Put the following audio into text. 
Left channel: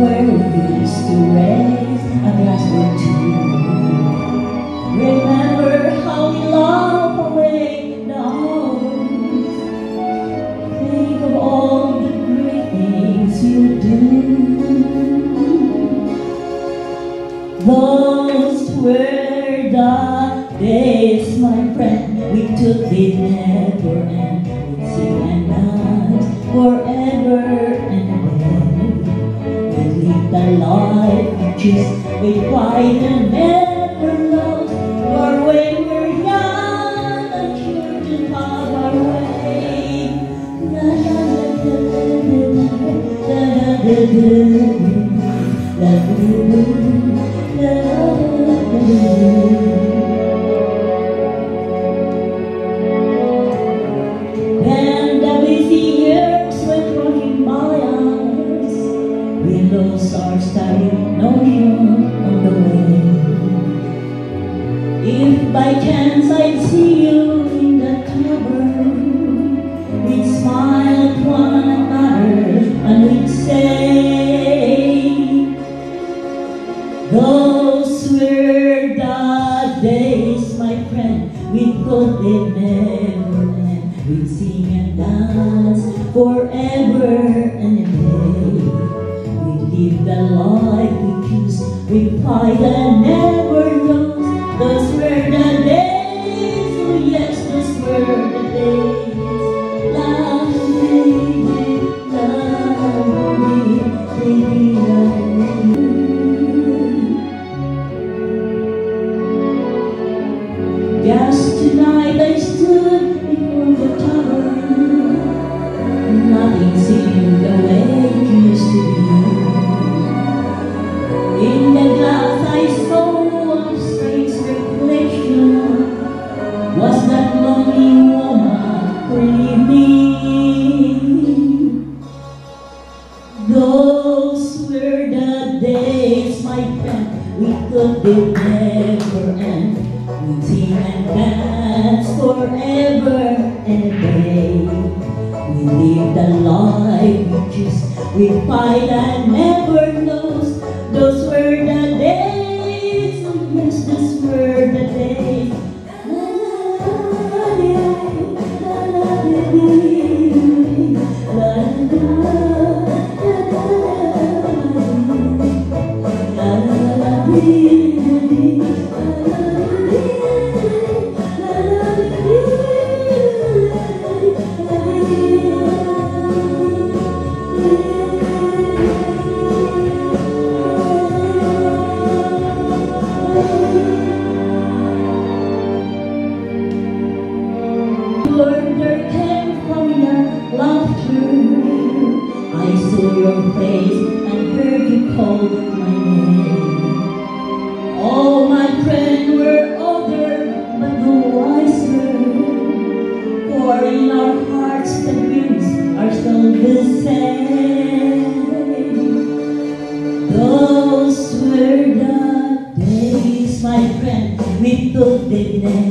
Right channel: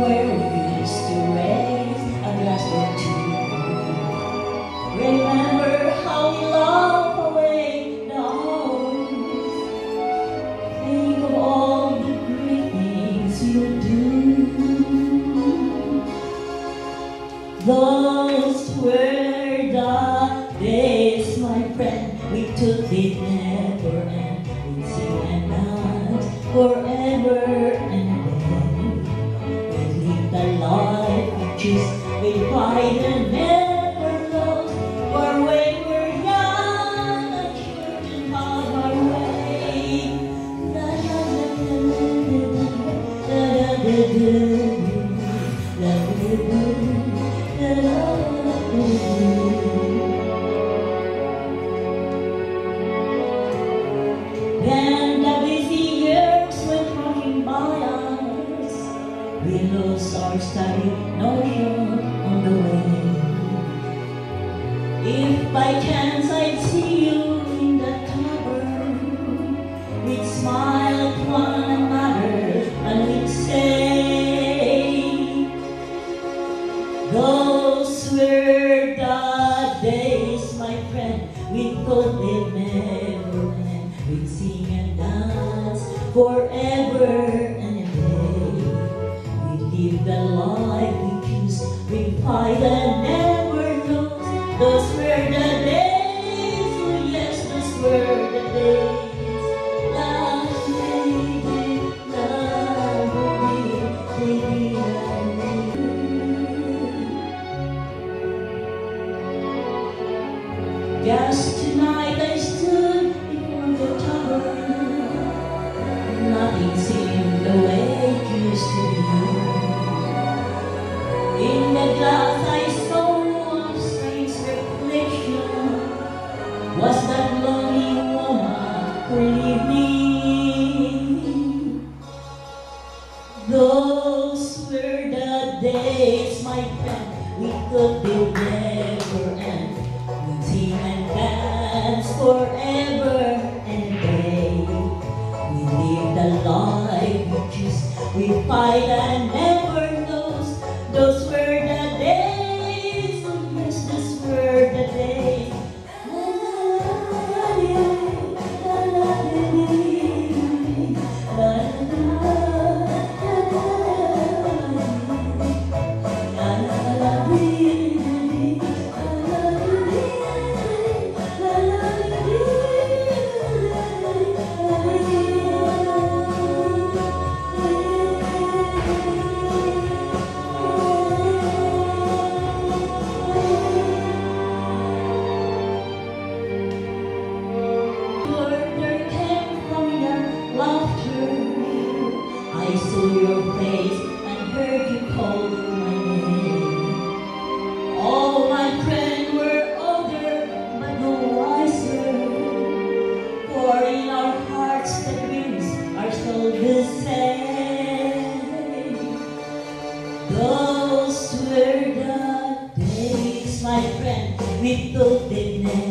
where we used to raise a glass or two. Remember how we laughed away the hours. Think of all the great things you do. Those were the days, my friend, we took it never end. We'd sing and dance forever and ever. We'd live the life we choose, we'd fight and never lose. For when we're young, the children have our way. La la la la la la la la la la and the busy years went rushing by us. We lost our starry notion on the way. If by chance I'd see you in that cupboard, we'd smile at one another and we'd say, those were the days, my friend, we thought they'd never end. We'd sing and dance forever and a day. We'd live the life we choose, we'd fight and never lose. Those were the days, oh yes, those were the days. La la just tonight I stood before the tower. Nothing seemed the way it used to be. In the glass I saw a strange reflection. Was that lonely woman who leave me? Those were the days, my friend, we thought they'd never end. We'd sing and dance forever and a day. We live the life we choose, we fight and never lose. Those were the days, oh yes, those were the days. La la la la la There came from your laughter. I saw your face and heard you call my name. All my friends were older but no wiser. For in our hearts the dreams are still the same. Those were the days, my friend, we thought they'd never